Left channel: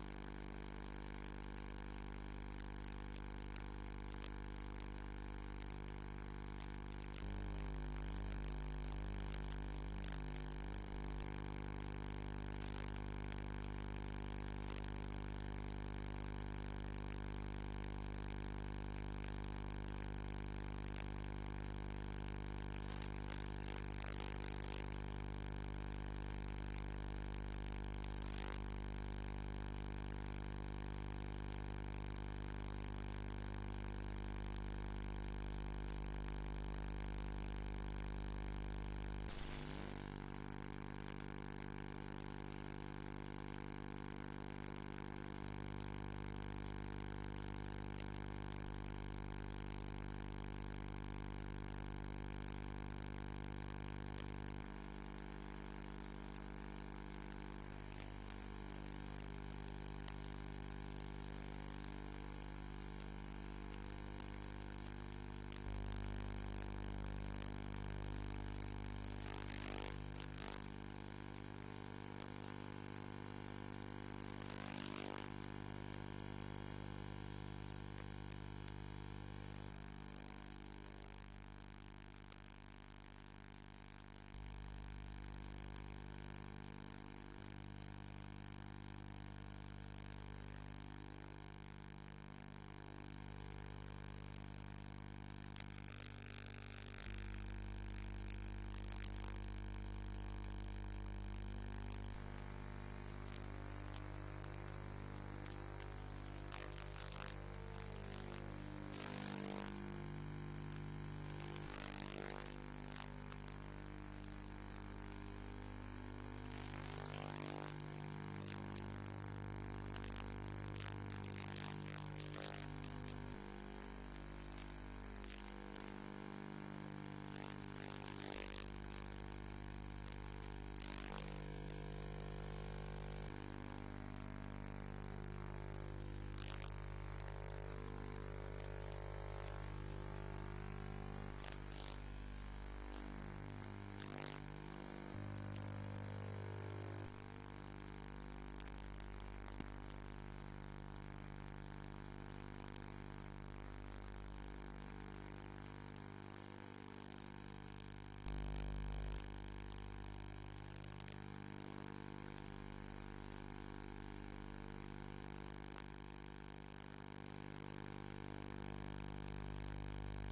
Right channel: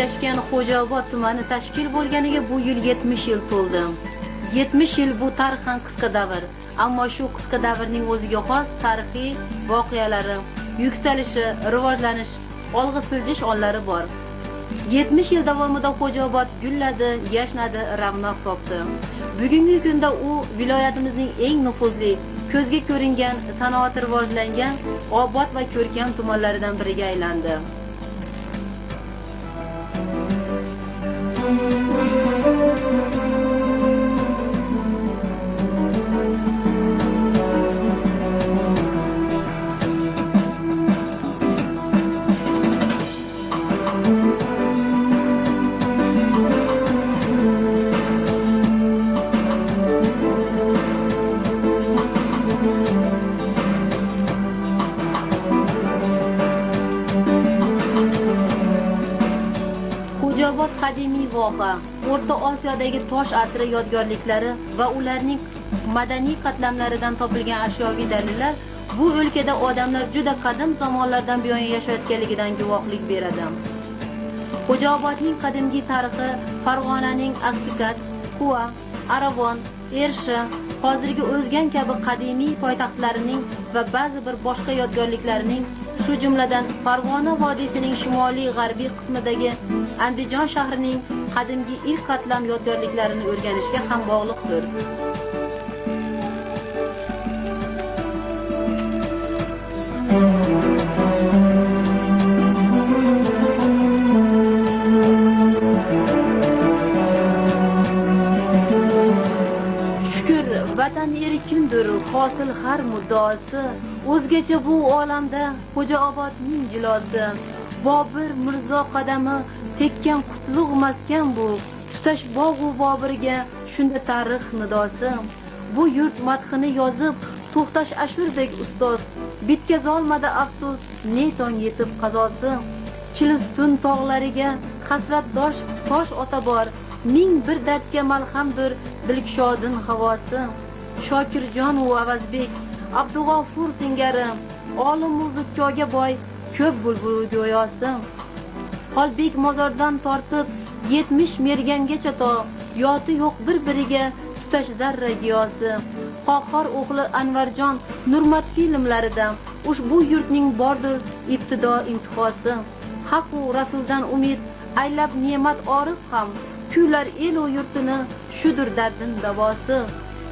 joylashgan Xo'jaobod tumani tashkil bo'lganiga bu yil 70 yil to'ldi. 70 yil bu tarixan qisqa davr, ammo shu qisqa davrning o'ziga xos tarixiy voqealari, yuksalishi, rivojlanish, olg'a siljish onlari bor. 70 yil davomida Xo'jaobod gulladi, yashnadi, ravnaq topdi. Bugungi kunda u viloyatimizning eng nufuzli, ko'zga ko'ringan, sanoati rivojlangan, obod va ko'rkam tumanlaridan biriga aylandi. Xo'jaobod qadimiy voha, O'rta Osiyodagi tosh asri yodgorliklari va ularning madaniy qatlamlaridan topilgan ashyoviy dalillar bu o'lkada odamlar juda qadim zamonlardan buyon yashayotganligidan guvohlik beradi. Xo'jaobodning qadimgi tarixi Farg'onaning Aksikat, Quva, Aravon, Ershi, hozirgi O'zgan kabi qadimiy poytaxtlarining va ba'zi bir boshqa yodgorliklarining, shu jumladan Farg'ona vodiysining shimoliy-g'arbiy qismidagi Andijon shahrining qadimgi ilk qatlam yodgorliklarini o'rganishga ham bog'liqdir. Shukr, vatan erkindir, hosil har muddaosi, o'zgacha bu olamda Xo'jaobodning jilosi. Bobur Mirzo qadami tekkan qutlug' maskan bu, tutash bog'u Bobirga shunda tarix nidosi. Bu yurt madhini yozib, to'xtash Ashurbek ustoz, bitkazolmadi afsus, ne tong yetib qazosi. Chilistun tog'lariga hasratdosh tosh ota bor, ming bir dardga malhamdir dilkshodin havosi. Shokirjon u Avazbek, Abdug'ofur singari, olimu zukkoga boy, ko'p bulbul go'yosi. Xolbek mozordan tortib 70 mergangacha to, yoti yo'q bir-biriga tutash zarra giyosi. Qohor o'g'li Anvarjon Nurmat filmlarida ushbu yurtning bordir ibtido intihosi. Haq u rasuldan umid aylab ne'mat orif ham, kuylar el u yurtini shudur dardin davosi.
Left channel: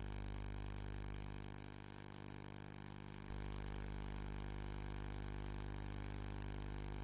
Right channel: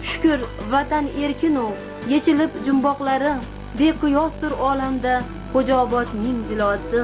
Shukr, vatan erkinu, yechilib jumboqlari, beqiyosdir olamda Xo'jaobodning jilosi.